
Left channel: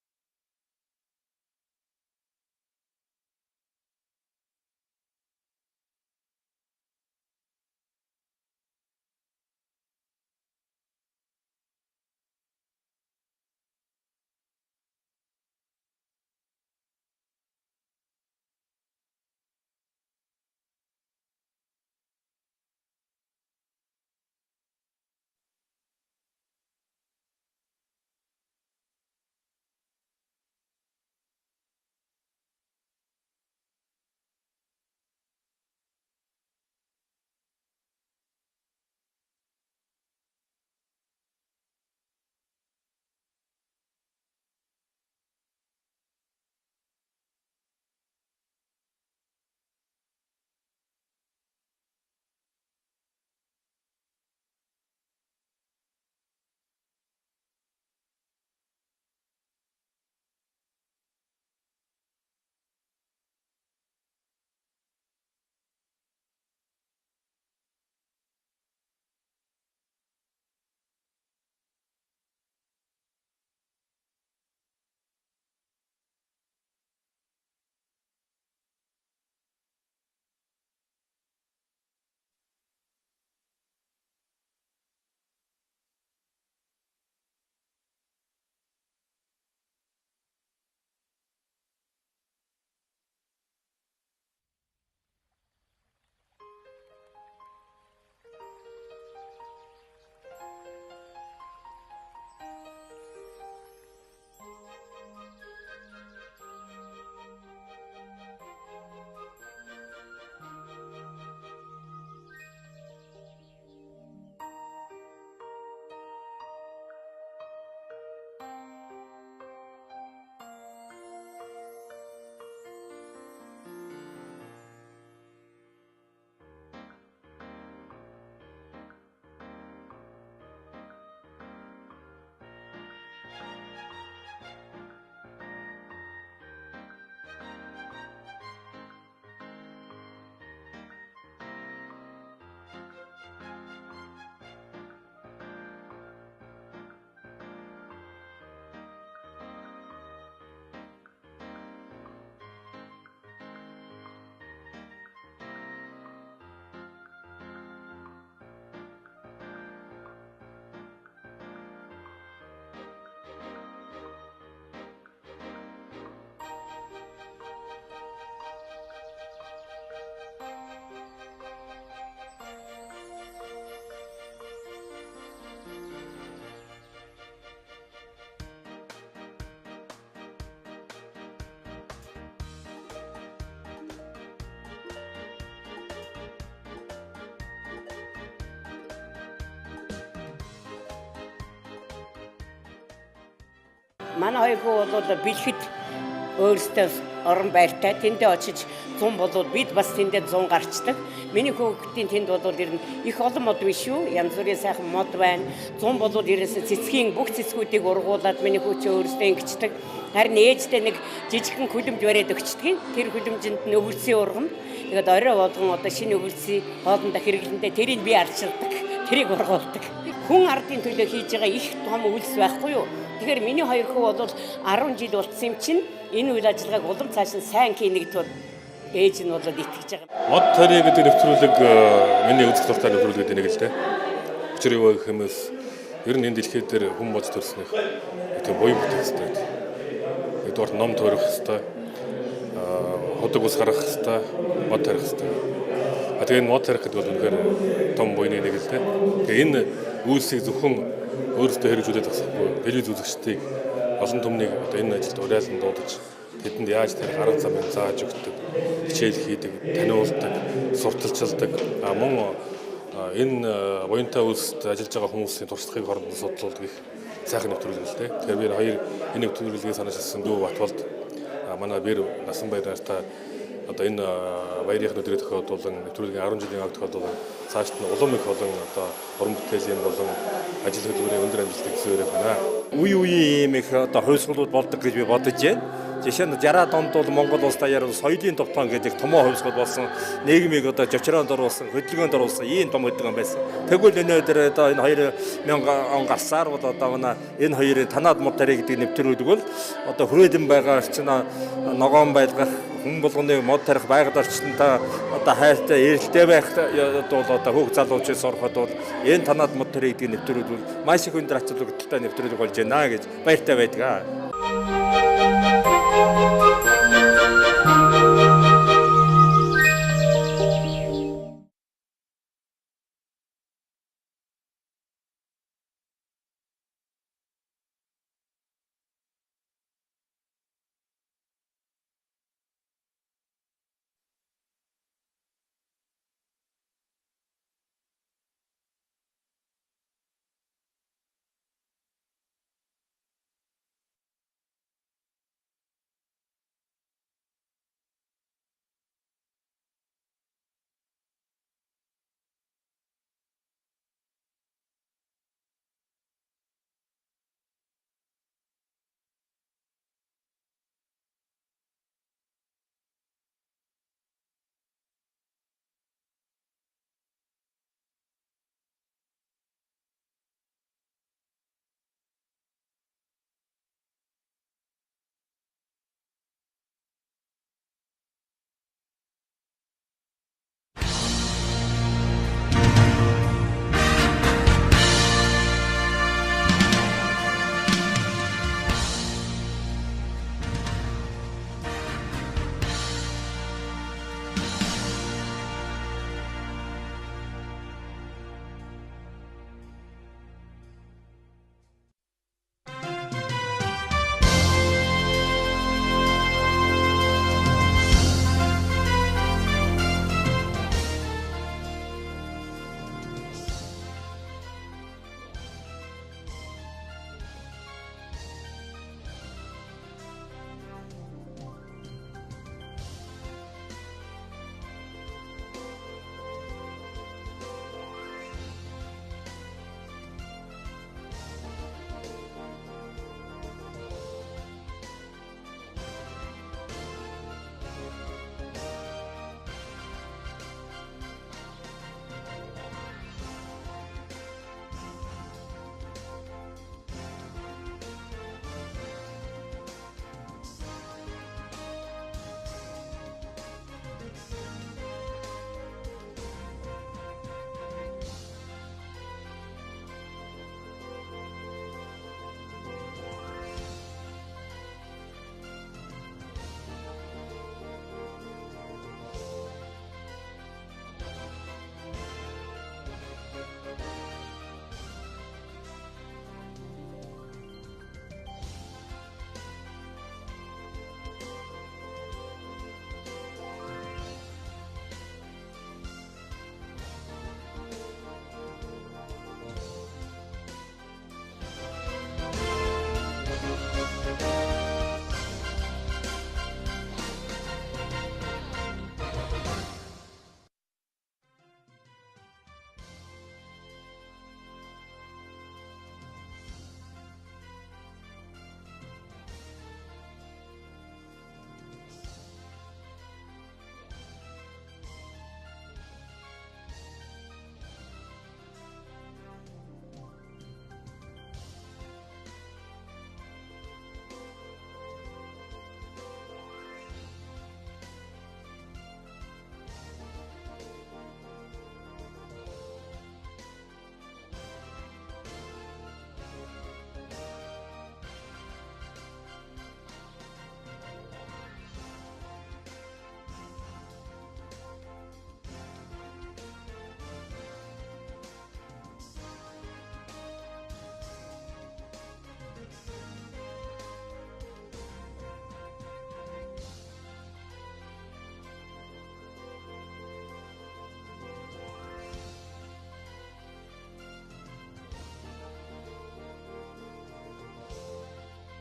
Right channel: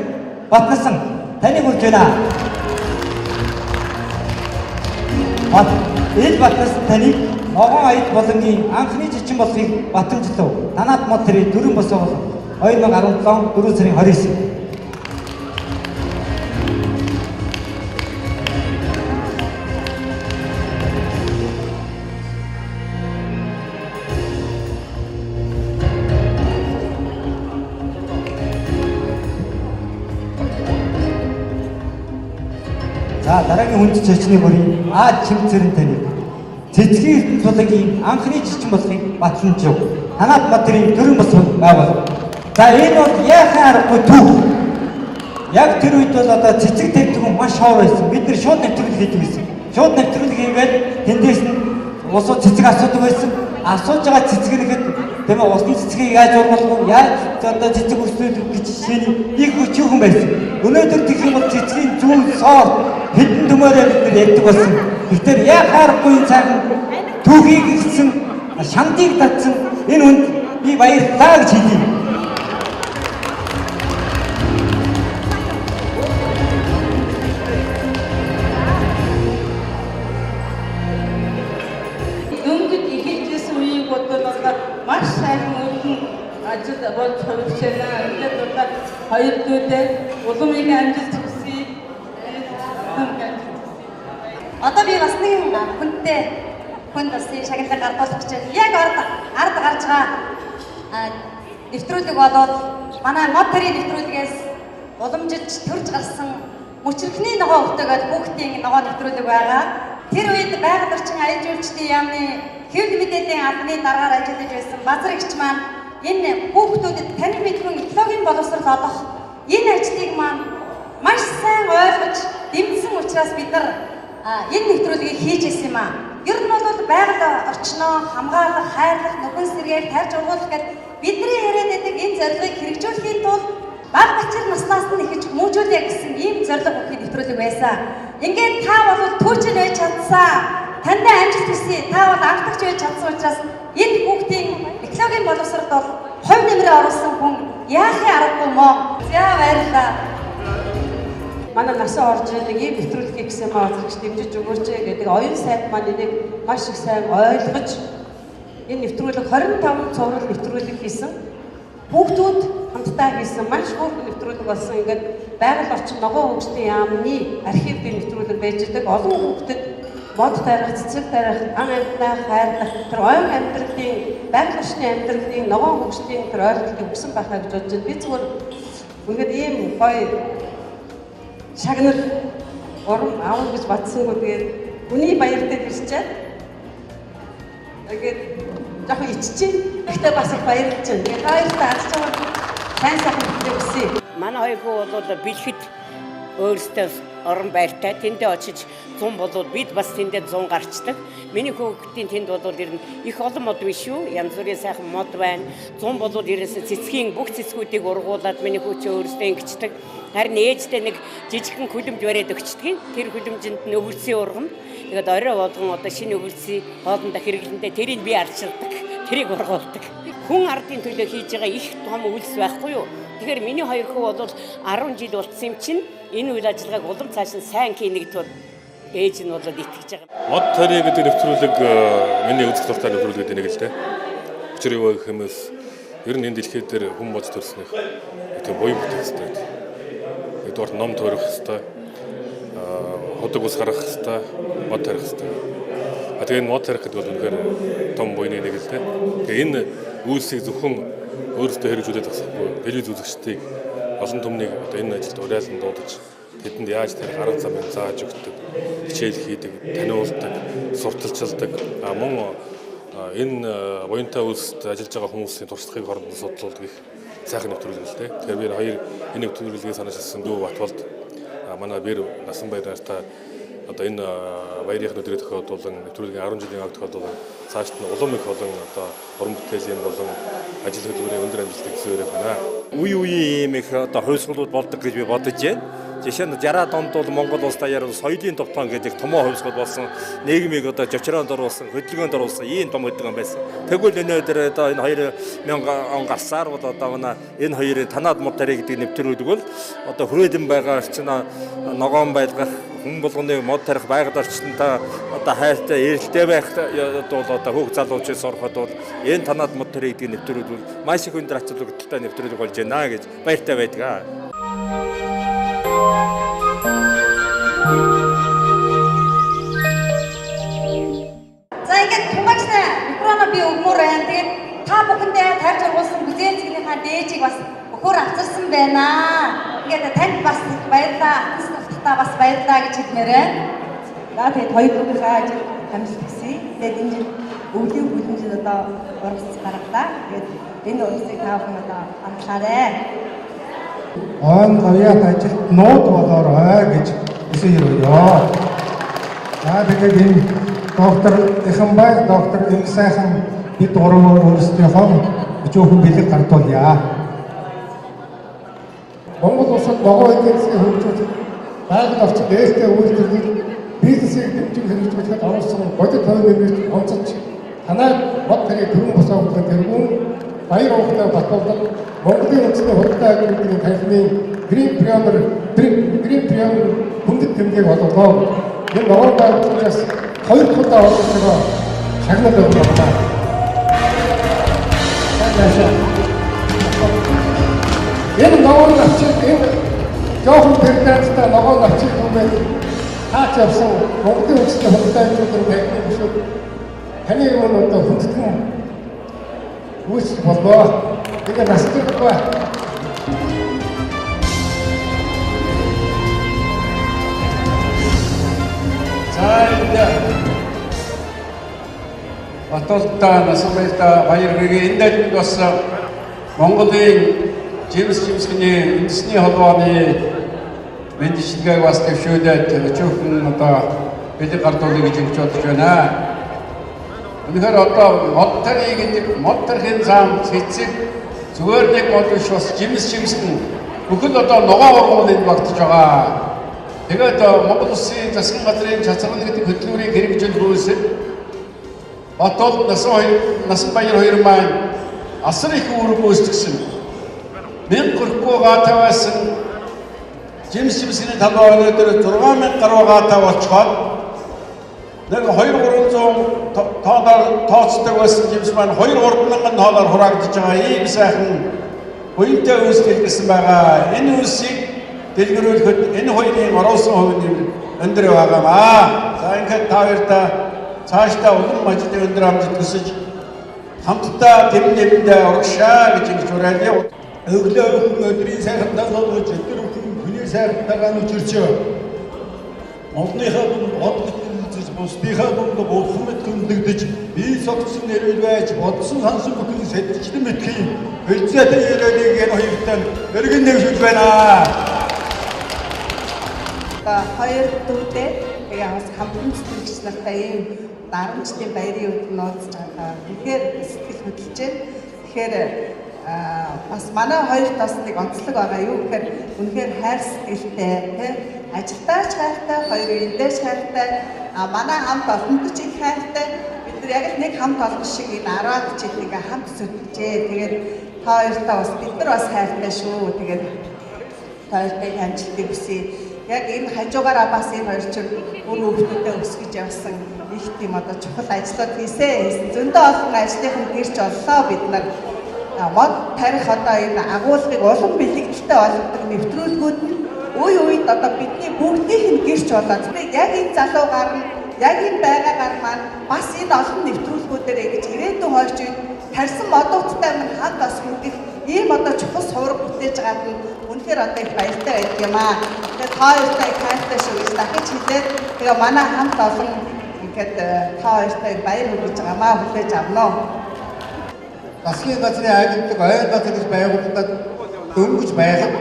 Батнасан таныг хүрж байна. Энэ Батнасан таныг ногоон аяд болонгийн анхны зочин болохыг батамжлав. Танаад моторын дөрвөн босоо 2017 4 сарын 29. За дараагийн хүнд зочны бүрийн чимцэрэн таних цэцгийн ертөнц болонгийн анхны зочин болохыг батламжив. Танаад моторын дөрвөн босоо байгуул. За энэ бол яахан аргагүй төв. Яг тэр үед бол одоо цэцэг тавьдаг маш ховор байсан. Бид нэр шууд нэвтрүүлэг хийдэг байсан. Шууд нэвтрүүлэг хийгээд тэндээс нь усууд цэцэг асуудаг байсан. Асууж байгаа цэцгэнэхэд тийм ээ усны цэцгийг яаж ургуулах вэ? Яаж одоо цэцэг өсгөх гэж шинэ их хүчүүхэн байсан. Өнөөдөр гэх юм бол цэцгийн зүүн соор хэдэн төмөөрөө бид нар ярьдаг болсон. Тэгэхээр яхааргүй цагаан түүхийг ихсэн шандыг татсан энэ хүнд би баярлалаа гэж хэлье. Маш сайн өргөн ажил болж хувирчаана. Ингээд бол хоёр дүүтэй улам их амжилт хүсье. Одоо би бас нэг хүнтэй бас шагналыг гардуулах гэж байна. Яг ард гарч байгаа нэвтрүүлэг болоод манай моторын нэвтрүүлгээс уламжиж төрж гарсан мөчрөхний ногоо өвтөгөөд хүүхдийн ногоо нэвтрүүлэг байгаа. Тэр үед байгаль орчин аяж үйлчдийн яамны хэвлэл мэдээллийн албаны дараагаар ажиллаж байсан Базар эгч маань энэ хүүхдүүдэд танил мэдрэм экологийн боловсрол олох энэ ажлыг маань маш сайн ойлгож дэмжсэн учраас бид нар энэ нэвтрүүлгийг хийж ирсэн юм аа. Ер нь бол байгаль орчноо хамгаалах, хайрлах, нөхөн сэргээр тарж ургуулах гэдэг бидний яриад байдаг энэ зорилгыг хэрэгжүүлэхийн тулд баг бачир наснаас нь ихэж хүмүүжүүлээ гэсэн ийм зорилго өгөх нэвтрүүлэг байсан. Ингээд та бол түүчэн байж чадсан. Тандаа амжилт хүсье. Та бол анхдагч байж чадсан учраас энэ хүүхдийн экологийн боловсролд бол хувь нэмрээ оруулсан хүн яахын аргагүй мó. За баярлалаа. Манай насаа орж ирдэг ийм нэвтрүүлгийг гэсэн маазч дэмжиж өгөөч гэдэг оюун сайд маань энийг маш их сайн ойлгож энэ нэвтрүүлэг 25 цуврал нэвтрүүлэг хийсэн. Хүүхдүүд хамтдаа хийсэн маш хөөрхөн нэвтрүүлэг болсон. Ингээд байгаль орчин ногоо хөгжлийн яамны архив би нэвтрүүлэг байж байгаа. Олон хүүхдэд мод тарих, цэцэг тарих, ан амьтнаа хайрлах, тэр оюун амьдралын байгаль орчны амьдралын ногоо хөгжлийн тэр ойлголтыг өгсөн байхаа гэж бодож байна. Би зүгээр ингээд ийм гоё шагнал урам аавал гэж батсангүй тэгээд үний баяртай бишчээд тэгээд жоохон иччихээн. Гэхдээ бас их баярлж байна. Тэгээд баяртай арч байгаа сайн сайхан хүсье. Манай хоёр хүү бол бэлгэд өөрсдөө орон байртай тэндээ очиж 100 болоод бид бас тэндээ 100 гарчдаг. Миний хүүхдийн тэнд бол ер нь их олон мод биш шүү. Янз бүрийн сайхан мод байна. 100 болоод ерөөсө цэцгийн бүх цэцгүүдийг ургуулад миний хүү ч өөрсдөө ингэждэг. Харин ээжтэй нэг жижигхэн хүлэмж бариад өгчдөг. Тэр хүлэмжинд нь өвөлсийн ургана. Тэгээд орой болгон одоо шинэ өвөлсийн хоолндоо хэрэглэндээ тэрийг би арчилдаг. Тэрийг ургуулдаг. Хүн ардын төлөө хийж байгаа их том үйлс байхгүй юу? Тэгэхээр миний хоёр хүү бол 10 жил болцсон юм чинь энэ үйл ажиллагааг улам цааш нь сайн хийнэ гэдэгт ээж нь бол итгэж байгаа. Мод тарий гэдэг нэвтрүүлэг миний үзэх дуртай нэвтрүүлэг гэдэг нэг л дээ. Учир юу гэх юмээс ер нь энэ дэлхийд дээр хүн болж төрснөх тэг буян бүтээхтэй. Эдгээр ном төрөх хэвээр ходог ус гарах хэвээр мод тарих хэвээр. Тэгээ энэ мод тарих гэдэг бол үнэхээр том буйны нэг л дээ. Тэгээ энэ үйлсийг зөвхөн өөрөөсөө хэрэгжүүлээд тасахгүй телевиз үзэгчдийг олон түмнийг одоо энэ ажилд уриалан дуудаж тэдэнд яаж тарих арга замыг зааж өгдөг, хичээл хийдэг, таниулдаг, сурталчилдаг. Мөн энэ буянтай үйлсэд ажиллаж байгаа хүмүүсийн туршлагыг хоорондоо судлуулдаг их сайхан нэвтрүүлэг л дээ. Тэгэхээр би хоёр энэ нэвтрүүлгийг санаачилсан Дүү Батболд манай Бэр Насанбаяр нартай одоо энэ баярын өдрийн тохиолдуулан нэвтрүүлгийн 10 жилийн аг тохиолдуулан цаашд нь улам их олон одоо уран бүтээлийн болон ажил хөдөлмөрийн өндөр амжилтыг хүсэж байна. Үе үеийн ийм их одоо хувьсгалууд болдог гэж би бодож байна. Жишээ нь 60-аад онд бол Монгол улс даяар соёлын тогтоон гэдэг томоо хувьсгал болсон. Нийгмийг одоо жочроонд оруулсан, хөдөлгөөнд оруулсан ийм том хөдөлгөөн байсан. Тэгвэл өнөөдөр одоо энэ 2000 он гарсаар бол одоо манай энэ хоёрын танаад мод тарий гэдэг нэвтрүүлэг бол одоо хүрээлэн байгаа орчин ногоон байлгах хүн болгоны мод тарих байгаль орчинтой одоо хайртай эрэлттэй байх бол одоо хүүхд залуучууд сурахад бол энэ танаад мод тарий гэдэг нэвтрүүлэг бол маш их өндөр ач холбогдолтой нэвтрүүлэг болж байна гэж баяртай байдаг. Та бүхэндээ тарж ургуулсан бүзэн цэгнийхаа дээжийг бас өхөр авчирсан байна. Ингээд танд бас баярлалаа, ахталтаа бас баярлалаа гэж хэлмээр байна. Тэгээд хоёр бүхнийхээ ажил амжилт хүсье. Тэгээд энэ жил өвлийн бүлэн жил одоо урагц гаргалаа. Тэгээд энэ урагцыг та бүхэн одоо амтлаарай. Он гавьяат ажилд нууд болоорой гэж хүсэж өргөё. Тэгээд энэ доктор Ихэнбай, доктор Их сайхан бид гурван өөрсдийнхөө өчөөхөн бэлэг гартуулъя. Монгол улсад ногоо эдийн засгийн хөгжүүлэлт байгаль орчинд ээлтэй үйлдвэрлэл бизнесийг дэмжих хэрэгжүүлэхэд оруулсан бодит хувийн онцолж танай мод тарий төрийн босоогдох тэргүүн баяр ухтай баталдаг Монголын үндэсний худалдаа агентлагийн танхимын Green Premier хүндэт тэмдээг олгоо. Энэ ногоон байгууллагаас 2 удаа олгосноо шагнал өгөх байна. Энэ ногоон авчид энэ жоохон пердэнтэй ногоон авчид хүмүүс таач явсан Монголын үндэсний худалдаа агентлагийн танхимын бишүүд таны юм одоо хүндэтгэн үүсэх болоо. 이게 맛있을 거야. 자, 이제 어떻다 나서면서 바이러기 인대로서 몽골의 제임스니 인스니 허도안이 왠지 시대가 왔을 때 쇼에 조금 어떤 배드 картой гэж бодож байна. Үнэхээр одоо модтерхийн зам цэцэг зүгээр нэг мод биш бас жимсгэн бүхэл одоо ногоо ургуул энд багтаж байгаа. Тэгээд Монгол Улсын засгийн газрын чацрал гэдэг хөтөлбөрийн хэрэгжил хөөсөд Батболд Насанбаяр хоёр маань асар их үүрэг гүйцэтгэсэн. 1000 хүрэхгүй гаатайсан жимсгэн талбай өнөөдөр 6000 гаруй гаатай болчиход нэг 2-300 тооноор тооцдог байсан жимс маань 2-3 тооноор хураагдж байгаа ийм сайхан буянтай үйлс дэлгэсэн байгаа. Энэ үйлсийг дэлгэрүүлэхэд энэ хоёрын оруулсан хувийн өндөр байгаамаа. За ингээд та хоёртаа цаашдаа улам ажлын өндөр амжилт хүсэж хамтдаа тэмнэлтэд урагшаа гэж ингэж уриалъя. Өглөө өдрийн сайхан тасалж өдөр хүний сайхантайгаа нүчирчээ. Монголынхаа бусдынхаа дунд болсон мэт хүндэгдэж бие согцсон нэрвэл байж бодсон сансан бүхэн сэтгчдэн мэдхийн хөлцөөтэй яриалыг энэ хоёртаа өргөн нэвшүүлж байна. Та хоёр дүүтэй яг хамтран сэтгэгч нартай ийм дарамтчдын баярын өдөр нууцж байгаа. Тэгэхээр сэтгэл хөдлөж байна. Тэгэхээр бас манай хоёрт бас нэг онцлог байгаа юу гэхээр үнэхээр хайр сэтгэлтэй тийм ажилтаач хайртай, хоёр эндээч хайртай, манай хамт олонтч их хайртай. Бид Тэгэхээр яг л нэг хамт олон шиг энэ 10-аад жил ингээ хамт зүтгэжээ. Тэгээд та хоёртаа бас бид нар бас хайртай шүү. Тэгээд та хоёртай амжилтыг хүсье. Яг энэ хажуугаараа бас энэ хоёр чинь өөр хүүхдүүдэд өсгөж явсан их тийм одоо чухал ажлууд хийсэн. Зөндөө олон ажлынхан гэрч оллоо бид нар. Мод тарих одоо энэ агуулгыг улам бэлэгдэлтэй болгодог нэвтрүүлгүүд нь үе үед одоо бидний бүгдийнх нь гэрч болоод яг энэ залуугаар нь яг энэ байгаагаар маань бас энэ олон нэвтрүүлгүүдээр ингэж ирээдүйн хойч үед тарьсан модуудтай минь хамт бас бүгдийг ийм одоо чухал сураг бүтээж байгаа нь үнэхээр одоо их баяртай байдаг юм аа. Тэгээд та хоёртай хайртай шүү гэж дахиж хэлээд тэгээ манай хамт олон ингээд та хоёртай баяр хүргэж байгаамаа хүлээж авна. Засгийн газрын агентлаг ойр газар гэж байгуулагдаад дөнгөж байхад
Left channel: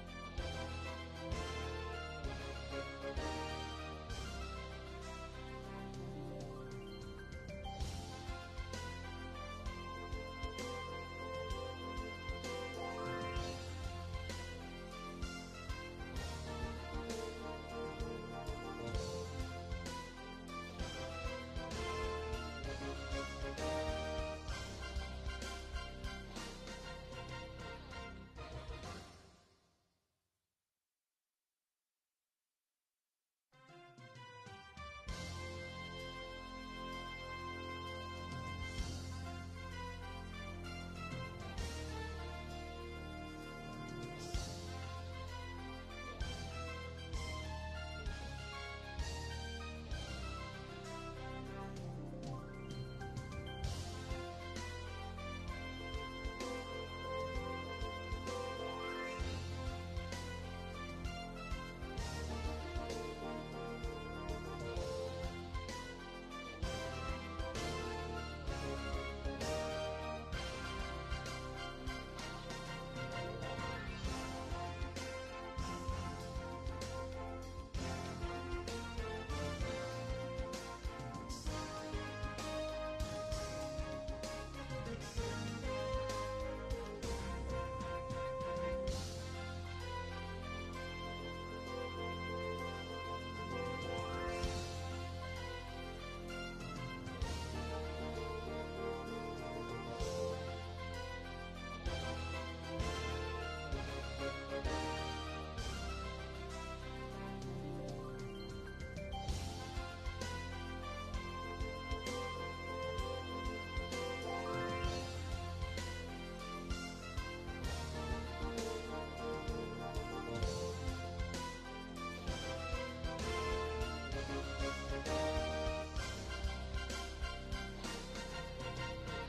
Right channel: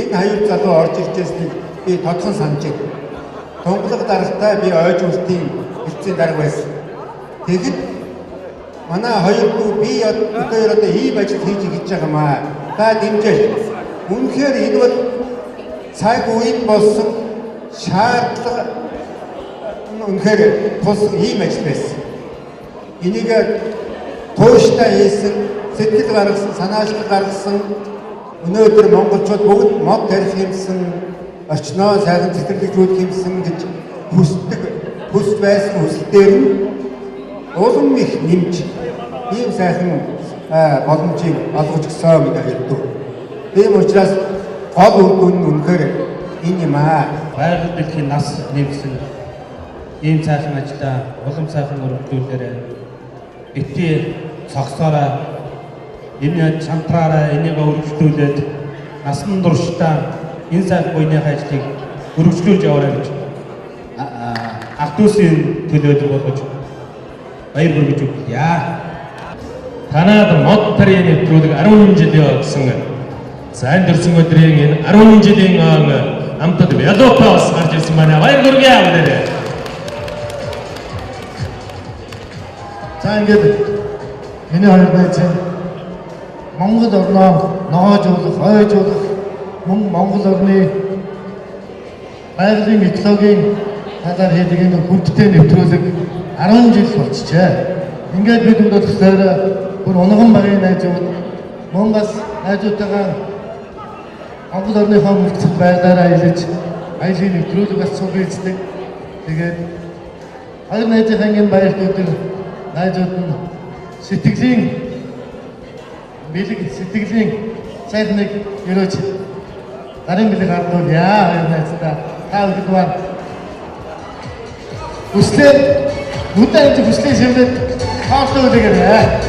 энэ хоёр залуу орж иржсэнийг би тодхон санаж байна. Тунгалаг дарагтай би ойж үлтийн хэлцээ дарга байсан. Тэгэхэд манай хоёр дүү би одоо ийм ажил хийж байгаамаа. Та дэмжээл. Үнэхээр энэ бол цаг үеийн болсон шаардлага үнэхээр тус ийм ажил байсан. Энийг тууштай хийсэн, сэтгэл гаргасан, санаачлал гаргасан өнөөдөр монголчууд бүгд мод тарих юмсан, орчноо сайхан цэцэрлэгжүүлэх юмсан гэж хүсдэг, хүсч байсан хүсэлтээр нь улам их нэмж ийм сайхан боломжийг олгож өгсөн гэдэг хэлдэг. Тийм учраас гол үр дүн нь үнэхээр энэ юм аа. Байгаль дэлхийн нас нэмсэн ийм сайхан ажлаа улам сайхан өргөжүүлээрэ битгий цогцоороо энэ чамтраараа энийг өргөжлүүлээд насан туршдаа энэ сайхан буйныхаа ажлыг өргөжлүүлж яваарай гэж ах дүүсийн төлөөд болгож баяр хүргэж өгье. Танад мод тарийн нэвтрүүлэг 10 жил явсан. Сайн дурсан өдрийн энэ 10 жилийн амтад Ялопаас гарч ирсэн манай баяр хүргэе аваарай. За ингээд энэ хоёр байж Монгол орноо ногоожуулах, ойжуулах, мөн Монгол орны байгалийн экологийн талаар хийдэг энэ хүндтэй нэвтрүүлэг 10 жил болчихжээ. Ингээд бид өнөөдөр бүр унган багын найзууд мөн бас найзуудтайгаа Монгол орныхоо мөрцөг байдлаараа илж аялын нэвтрүүлэг бас суулгацдаг. Тэгээд хоёр найзынхаа энэ баяртуудыг найзууд нь сэтгэлийн бэлэг сэтгэлийн сайдныг өрөөж гарын бэлэг хардуулъя. Хоёр найздаа та бүхэн хүслээ нүдэн хүслээ шивлээд хаалтаа үлээгээрэй.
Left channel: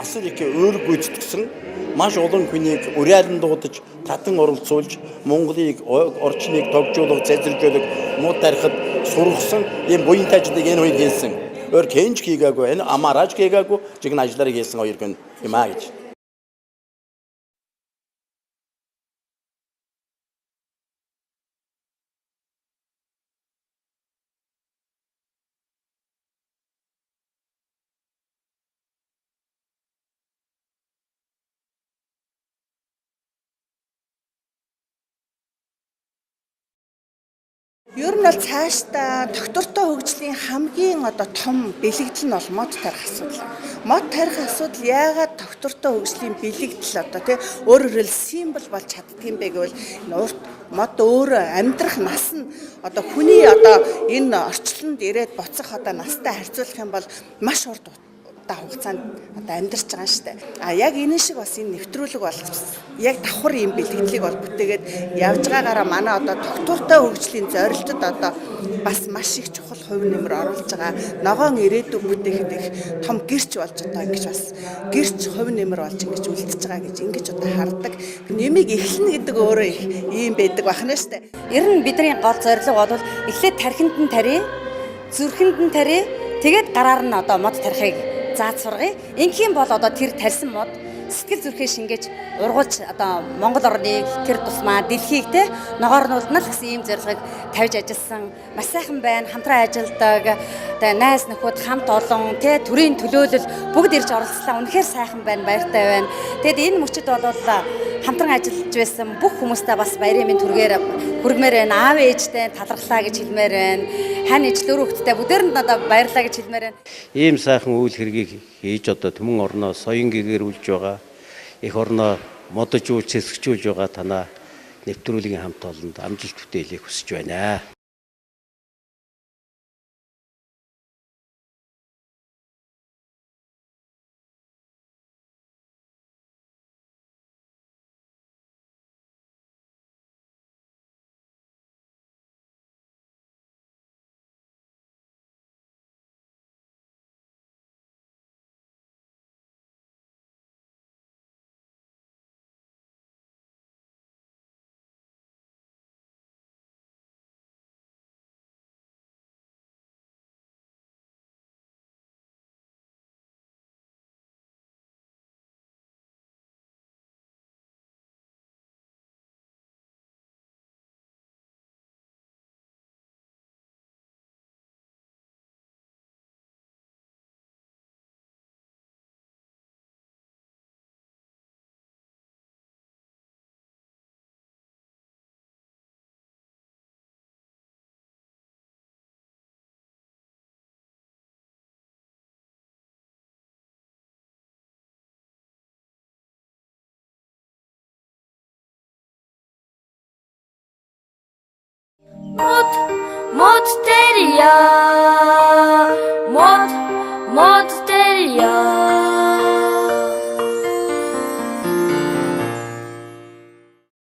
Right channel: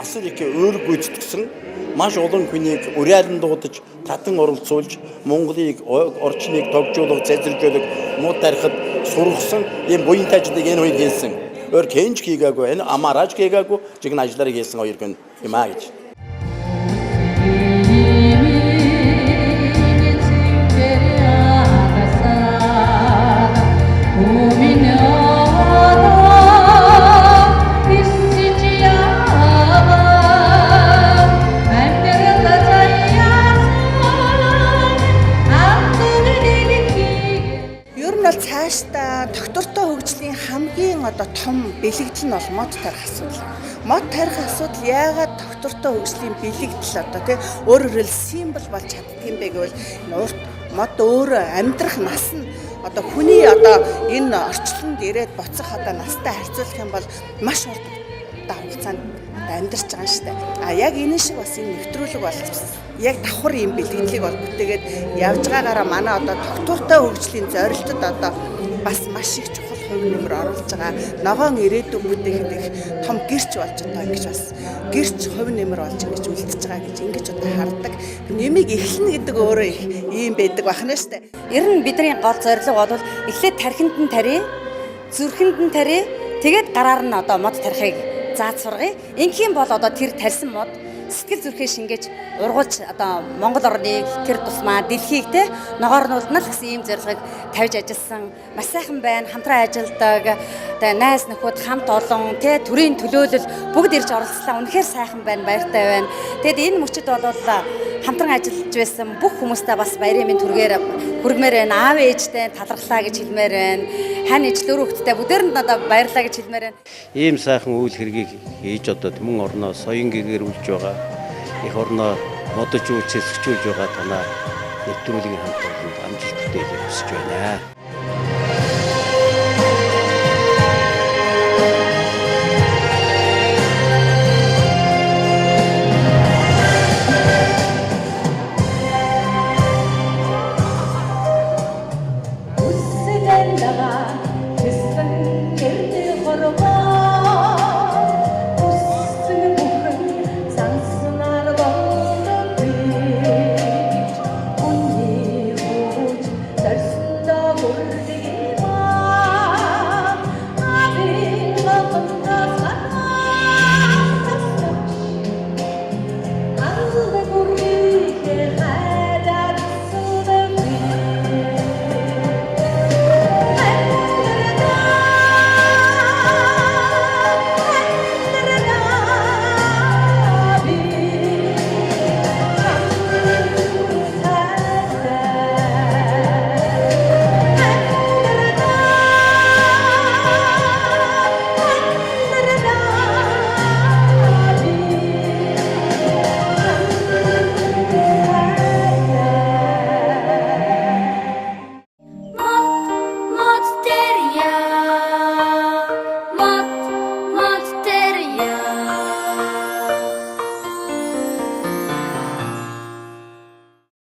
асар их өөр гүйцэтгсэн маш олон хүнийг уриалан дуудаж татан оролцуулж Монголыг орчныг тогжуулах, зайлшруулах, муу тарихад сургасан ийм буянтай ажлыг энэ хоёр хийсэн. Өөр хэнч хийгээгүй, энэ амаарч хийгээгүй, жигэн ажлаар хийсэн хоёр хүн юм аа гэж. Цаашдаа доктортой хөгжлийн хамгийн том бэлэгдэл нь бол мод тарих асуудал. Мод тарих асуудал яагаад доктортой хөгжлийн бэлэгдэл өөрөөр хэлбэл символ болж чаддаг юм бэ гэвэл мод өөрөө амьдрах нас нь хүний энэ орчлонд ирээд буцах настай харьцуулах юм бол маш урт хугацаанд амьдарч байгаа юм шүү дээ. Яг энэ шиг бас энэ нэвтрүүлэг бол яг давхар юм бэлгэлийг бол бүтээгээд явж байгаагаараа манай доктортой хөгжлийн зорилтод бас маш их чухал хувь нэмэр оруулж байгаа. Ногоон ирээдүйг бүтээхэд их том гэрч болж ингэж бас гэрч хувь нэмэр болж ингэж үлдчихэж байгаа гэж ингэж хардаг. Нэмийг эхлэнэ гэдэг өөрөө их ийм байдаг бахна шүү дээ. Ер нь бидний гол зорилго бол эхлээд тархинд нь тарья, зүрхэнд нь тарья, тэгээд гараар нь мод тарихыг зааж сургая. Ингийн бол тэр тарьсан мод сэтгэл зүрхээ шингээж ургуулж Монгол орныг тэр тусмаа дэлхийг ногоор нь улдна л гэсэн ийм зорилгыг тавьж ажилласан. Маш сайхан байна, хамтран ажилладаг, найз нөхөд хамт олон төрийн төлөөлөл бүгд ирж оролцлаа. Үнэхээр сайхан байна, баяртай байна. Тэгэд энэ мөчид бол хамтран ажиллаж байсан бүх хүмүүстээ бас баярын мэнд түргээр хүргмээр байна. Аав ээжтэй талархлаа гэж хэлмээр байна. Хань ижил өр хөвгтдээ бүгдээрэнд баярлаа гэж хэлмээр байна. Ийм сайхан үйл хэргийг хийж түмэн орноо соён гэгэрүүлж байгаа. Их орноо модож үүсгэжүүлж байгаа танаа нэвтрүүлгийн хамт олонд амжилт бүтээлийг хүсэж байна.